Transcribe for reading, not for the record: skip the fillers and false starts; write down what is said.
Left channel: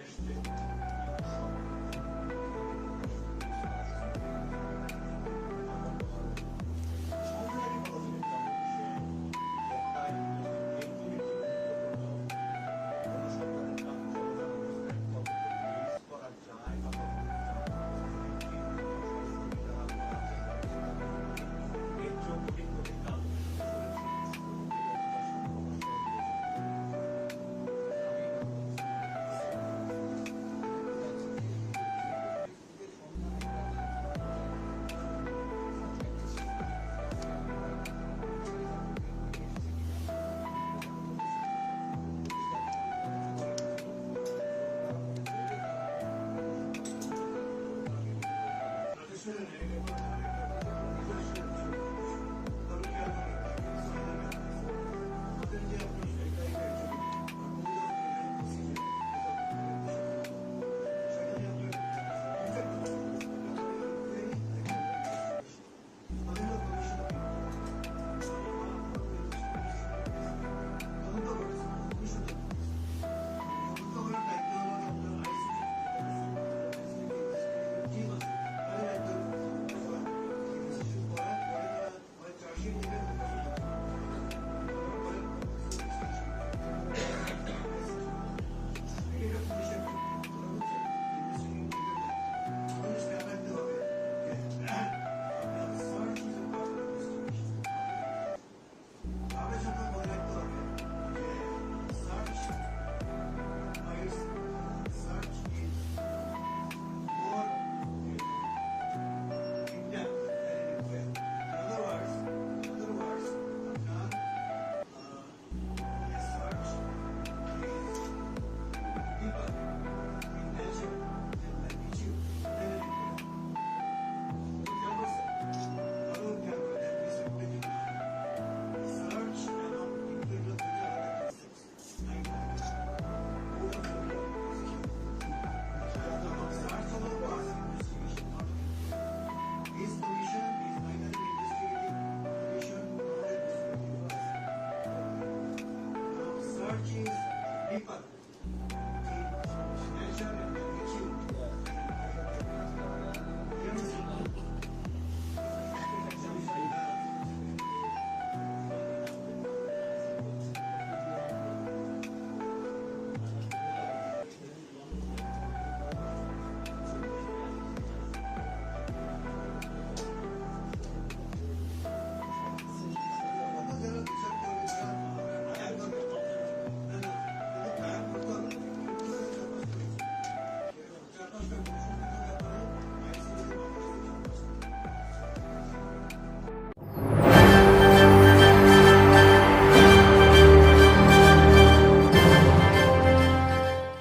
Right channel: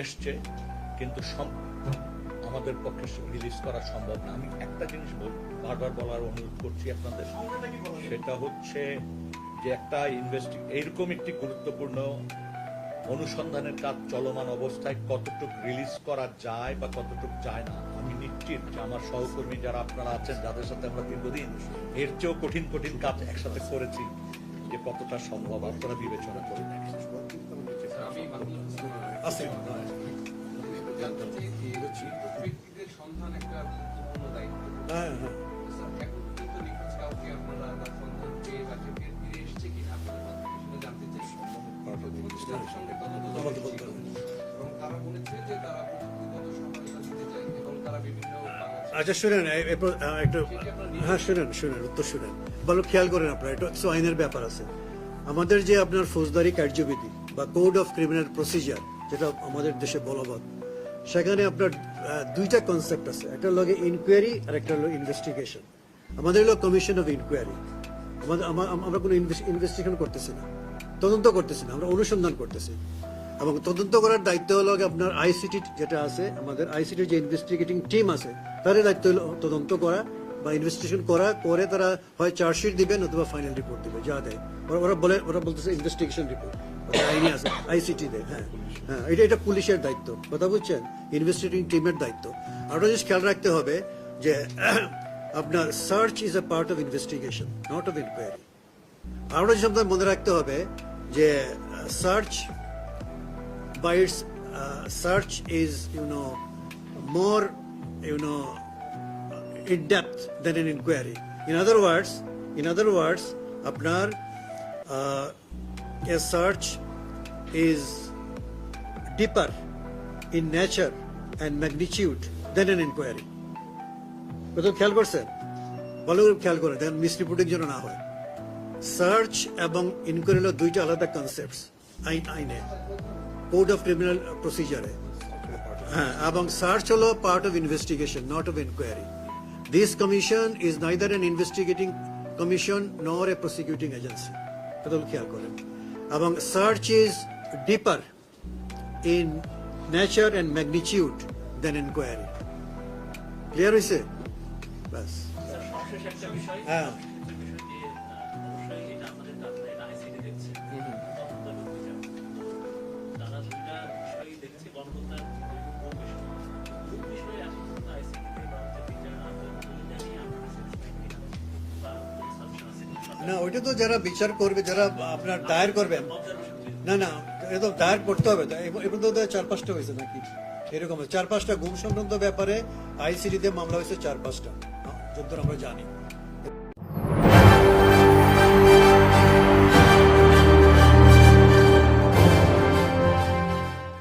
এসছে, কিন্তু আমাদের পক্ষে রিলিজ করা সম্ভব না। আমি একটা জিনিস বারবার বলার অনুরোধ করছি আপনাদের, সেটা হচ্ছে যে একটা এইরকম একটি গুরুত্বপূর্ণ অনুসন্ধানের কাজ চলমান অবস্থায় কতটুকু রিলিজ করা যায় বা কতটুকু যায় না, আমি নিশ্চিত যে আমার সহকর্মী যারা আপনারা আছেন, যাদের সাথে আমরা দীর্ঘদিন এর চেয়েও কঠিন কঠিন কাজ একসাথে করেছি, যে কতটা সম্ভব আপনারা বিবেচনা করে দেখেন। আচ্ছা শুনেন, একটু হ্যাঁ শুনেন উত্তর শুনেন, ভালো খেয়াল করেন আপনারা, এটা হচ্ছে আইনের ব্যাপার আছে। আমাদের যে আপনার ফৌজদারি কার্যবিধি বা কোড অফ ক্রিমিনাল প্রসিজার, যেটা আমাদের দেশে বলবৎ, সেখানে আপনার দুইটা কনসেপ্ট আছে, একটা হলো ইনকোয়ারি আর একটা হলো ইনভেস্টিগেশন। আমাদের হলো কমিশন অফ ইনকোয়ারি। আমরা কোনো ইনভেস্টিগেশন করতেছি না, তদন্ত করতেছি না, আমরা অনুসন্ধান করতেছি। এবং তদন্ত করার দায়িত্ব হলো আপনার আইসিটি যেটা আছে, আমাদের আইসিটির যে ইনভেস্টিগেটিং টিম আছে, তাদের দায়িত্ব হলো তদন্ত করা বা ইনভেস্টিগেশন করা, করে তারা হয় চার্জশিট দিবেন অথবা ফাইনাল রিপোর্ট দিবে, যা দেয় ওরা বলতেছে ইনভেস্টিগেশন রিপোর্ট, আইনি আছে আইসিটি দেয়। হ্যাঁ হ্যাঁ, এটা পুলিশের দায়িত্ব, কথা বুঝছেন, ইনভেস্টিগেটিং টিমের দায়িত্ব। আরও জিনিস খেয়াল রাখতে হবে যে আপনার search is a part of investigation, not of inquiry. আরও জিনিস আপনার মনে রাখতে হবে যে search by its search is more in depth than an inquiry. In other words apnar a search is deeper in nature and magnitude than an inquiry. কত খেয়াল করছেন, ভালো করে খেয়াল করে দেন, মিসরিপোর্টিং যেন না হয়। সার্চ এবং ইনকোয়ারি হলো দুইটা আলাদা কনসেপ্টস আইনে, কোড অফ ক্রিমিনাল প্রসিজারে। হ্যাঁ, এবং সার্চ হলো part of investigation, not of inquiry. This commission is neither an investigating commission nor a prosecuting agency, এটা খেয়াল করেন। এবং search is deeper in nature and magnitude than inquiry. Clear হয়েছে? ব্যাস। হ্যাঁ না, ওইটা তো যারা বিচার করবে, যারা আপনার দায়ের করবেন, না এটা তো দায়ের করতে হবে। এবার তো 4-5টা হয়েছে নাকি এরকম, 4-5টা গুম সংক্রান্ত ব্যাপারে আইসিডিতে মামলা হয়েছে, 4-5টা, যতদূর আমরা জানি।